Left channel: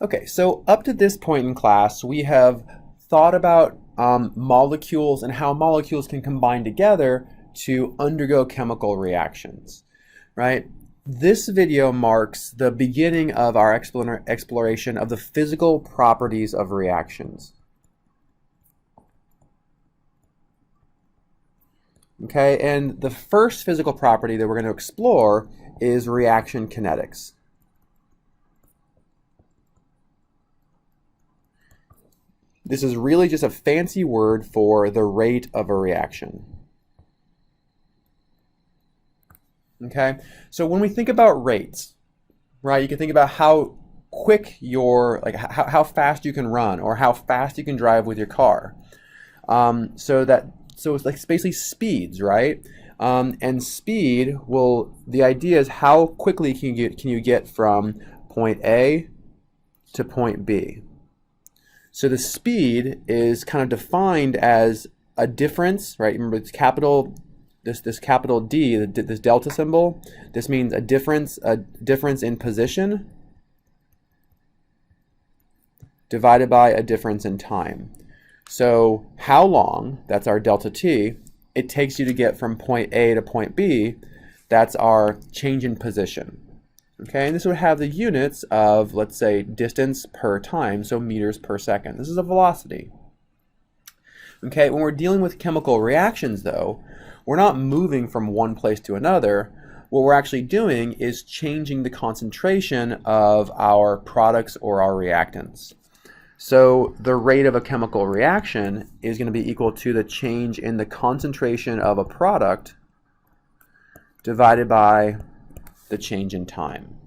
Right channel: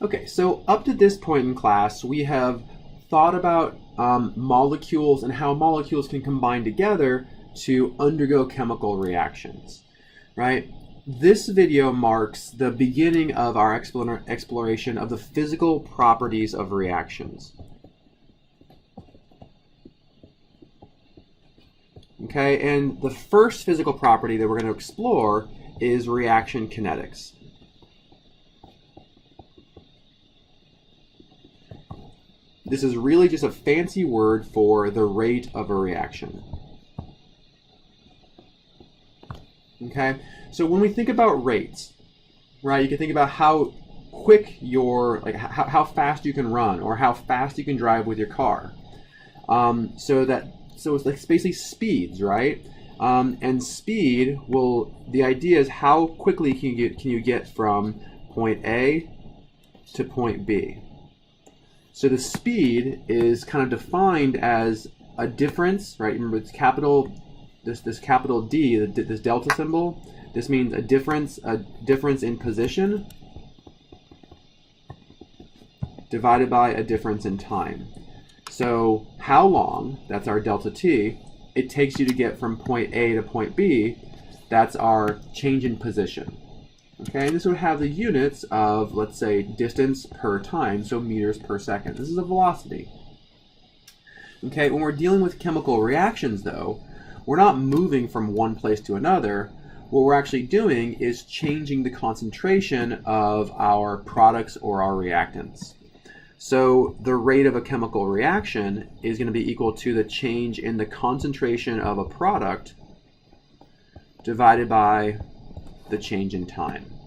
Okay, so up to this point in class, we have thought about molecules and how molecules can combine together to undergo chemical reactions, right? This video marks the beginning of our exploration of the physical properties of reactions. Okay, and the first physical property that we're going to explore is reaction kinetics. This is really just a fancy word for the rate of a reaction. Okay, so when we think about rates, right, you can think about how quick how fast you can run or how fast you can drive with your car. So it's like basically speeds, right? And speed the idea is how quickly can you get from point A to point B. So the speed is kind of defined as a difference, right? Remember, it's capital, this capital D, this delta symbol. This means a difference in position divided by a difference in time. So how long, that's our delta T, it takes you to get from point A to point B, that's our change in position. Okay, and this would have the units of, let's say, distance per time, so meters per second. This is a velocity. Okay, when we're dealing with chemical reactions, though, we're not moving from one place to another. What we're actually doing is changing the concentration of our products or our reactants. So the rate of a chemical reaction is going to be equal to the change in the concentration of a product divided by the change in time.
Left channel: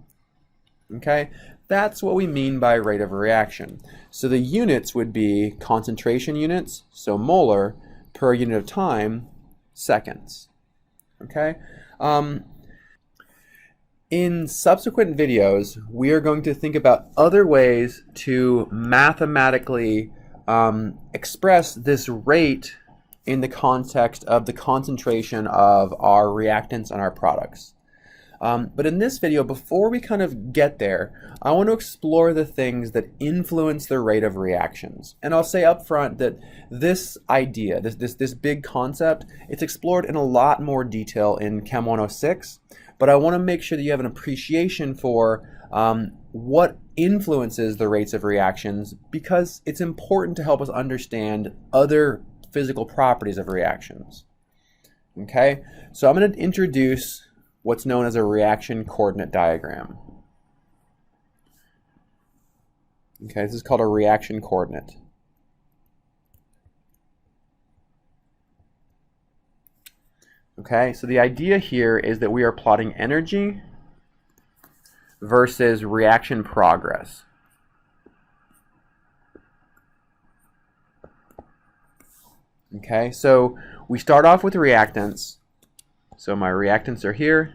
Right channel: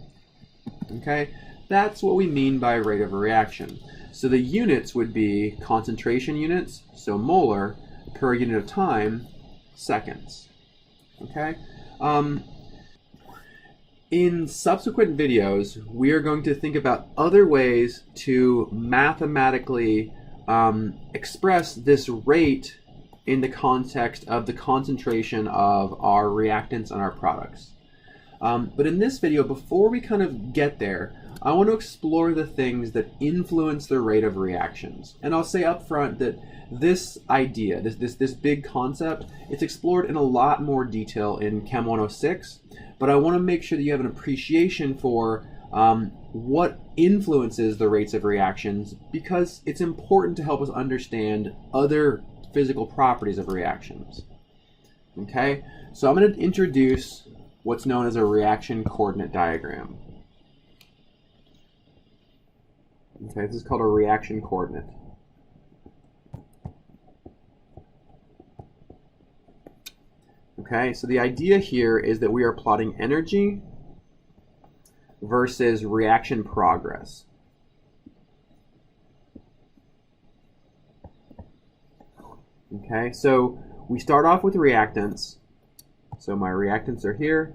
Okay, that's what we mean by rate of a reaction. So the units would be concentration units, so molar, per unit of time, seconds. Okay. In subsequent videos, we are going to think about other ways to mathematically express this rate in the context of the concentration of our reactants and our products. But in this video, before we kind of get there, I want to explore the things that influence the rate of reactions. And I'll say up front that this idea, this big concept, it's explored in a lot more detail in Chem 106, but I want to make sure that you have an appreciation for what influences the rates of reactions, because it's important to help us understand other physical properties of reactions. Okay, so I'm going to introduce what's known as a reaction coordinate diagram. Okay, this is called a reaction coordinate. Okay, so the idea here is that we are plotting energy versus reaction progress. Okay, so we start off with reactants. So my reactants are here,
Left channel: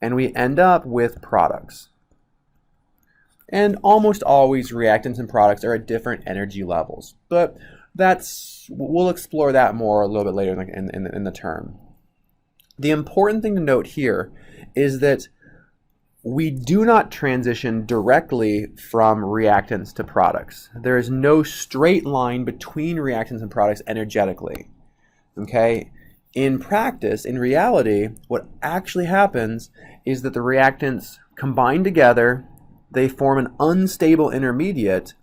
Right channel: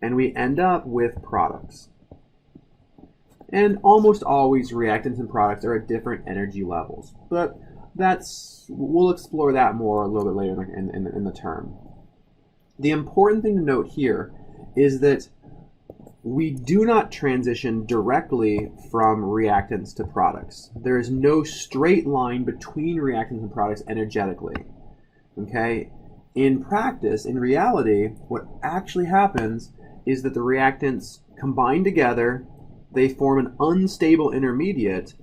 and we end up with products. And almost always reactants and products are at different energy levels, but we'll explore that more a little bit later in the term. The important thing to note here is that we do not transition directly from reactants to products. There is no straight line between reactants and products energetically. Okay? In practice, in reality, what actually happens is that the reactants combine together, they form an unstable intermediate,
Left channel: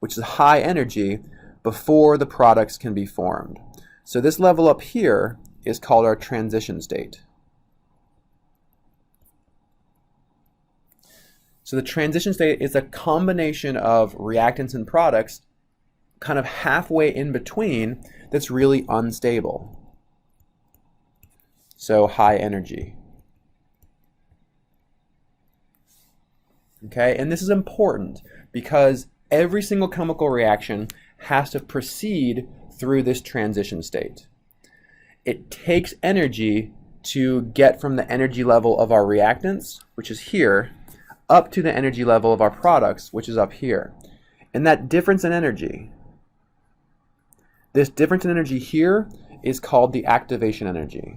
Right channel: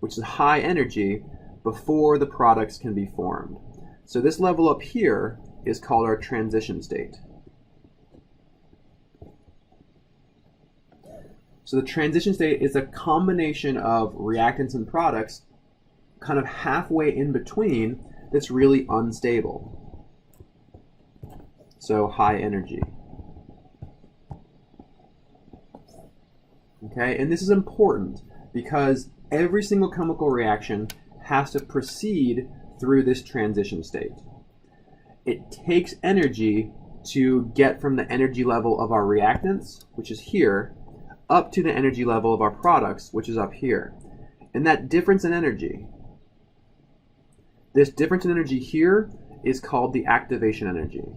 which is high energy, before the products can be formed. So this level up here is called our transition state. So the transition state is a combination of reactants and products kind of halfway in between that's really unstable. So high energy. Okay, and this is important because every single chemical reaction has to proceed through this transition state. It takes energy to get from the energy level of our reactants, which is here, up to the energy level of our products, which is up here. And that difference in energy, this difference in energy here is called the activation energy.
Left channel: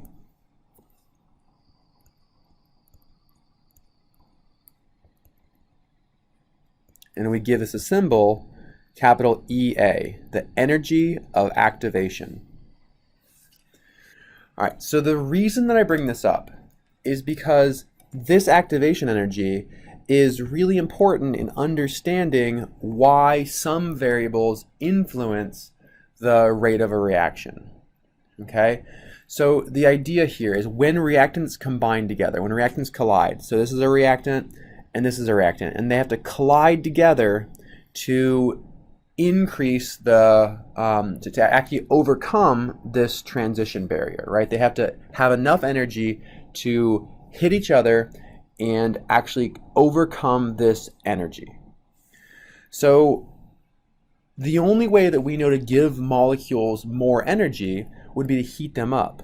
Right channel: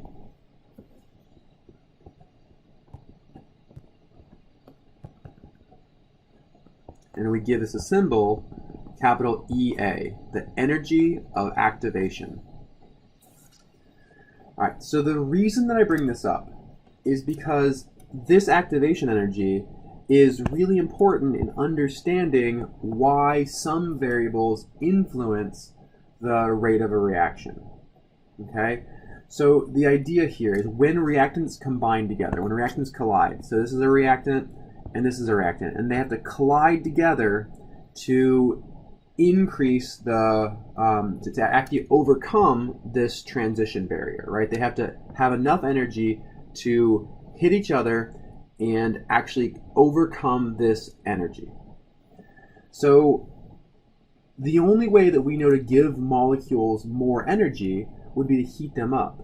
and we give this a symbol, capital EA, the energy of activation. All right, so the reason that I bring this up is because this activation energy is really important in understanding why some variables influence the rate of a reaction. Okay, so the idea here is when reactants combine together, when reactants collide, so this is a reactant and this is a reactant, and they have to collide together to increase the, to actually overcome this transition barrier, right? They have to have enough energy to hit each other and actually overcome this energy. So the only way that we know to give molecules more energy would be to heat them up,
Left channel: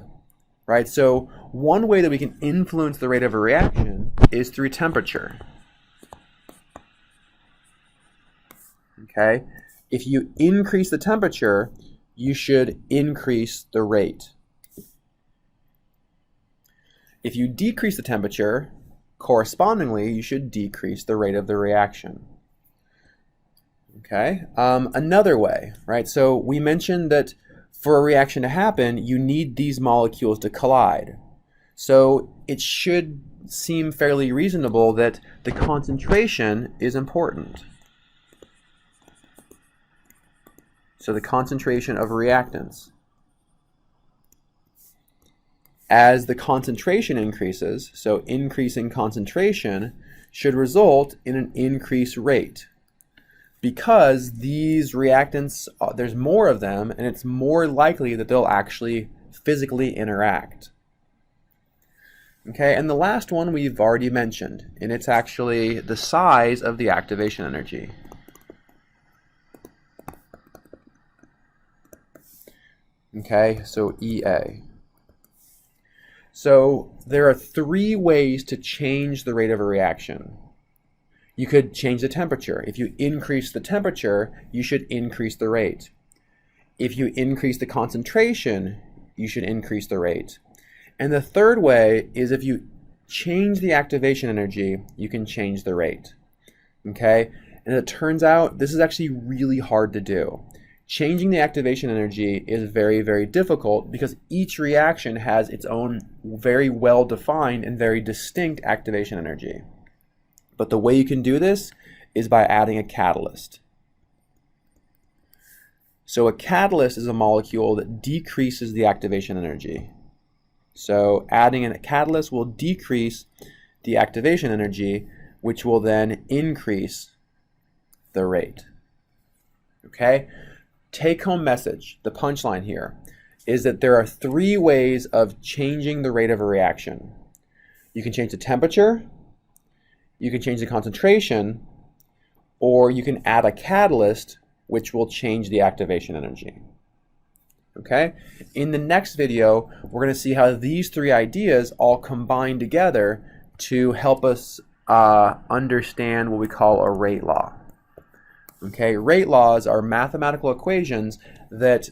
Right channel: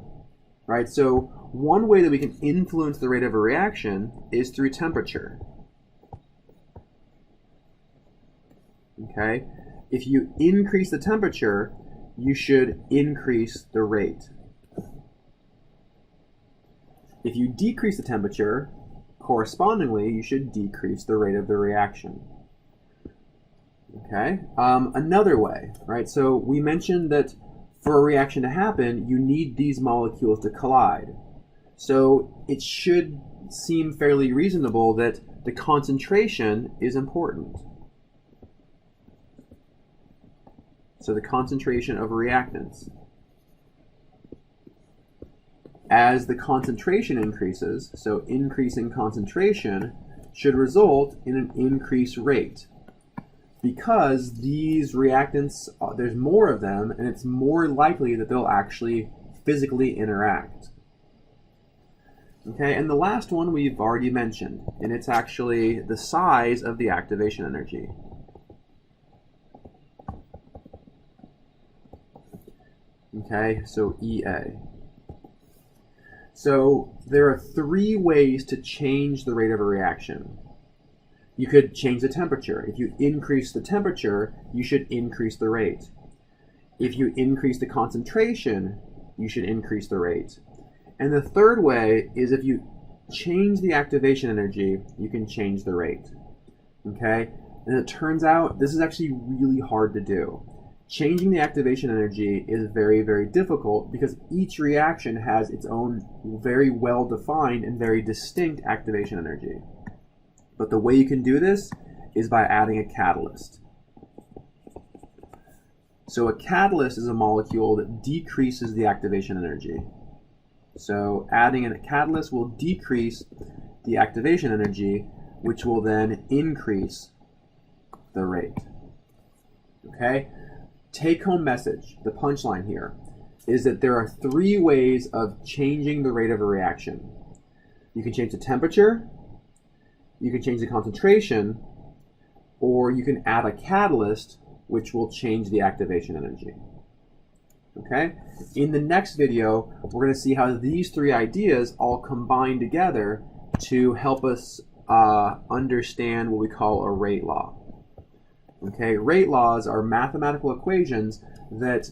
right? So one way that we can influence the rate of a reaction is through temperature. Okay? If you increase the temperature, you should increase the rate. If you decrease the temperature, correspondingly, you should decrease the rate of the reaction. Okay, another way, right? So we mentioned that for a reaction to happen, you need these molecules to collide. So it should seem fairly reasonable that the concentration is important. So the concentration of reactants. As the concentration increases, so increasing concentration should result in an increased rate. Because these reactants, there's more of them, and it's more likely that they'll actually physically interact. Okay, and the last one we've already mentioned, and it's actually the size of the activation energy. Okay, so EA. So there are three ways to change the rate of a reaction. You could change the temperature. If you increase the temperature, you should increase the rate. If you increase the concentration, you should increase the rate. And the third way is if you change the activation energy, you can change the rate. Okay? And it turns out this is actually really hard to do. Changing the activation energy is very, very difficult because each reaction has its own very well-defined and very distinct activation energy. But the way you can do this is by adding a catalyst. So a catalyst is a molecule that decreases the activation energy. So adding a catalyst will decrease the activation energy, which will then increase the rate. Okay? Take-home message, the punchline here, is that there are three ways of changing the rate of a reaction. You can change the temperature, you can change the concentration, or you can add a catalyst which will change the activation energy. Okay? In the next video, we're going to see how these three ideas all combine together to help us understand what we call a rate law. Okay, rate laws are mathematical equations that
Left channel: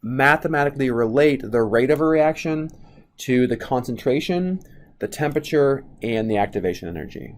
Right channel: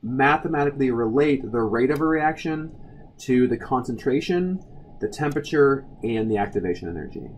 mathematically relate the rate of a reaction to the concentration, the temperature, and the activation energy.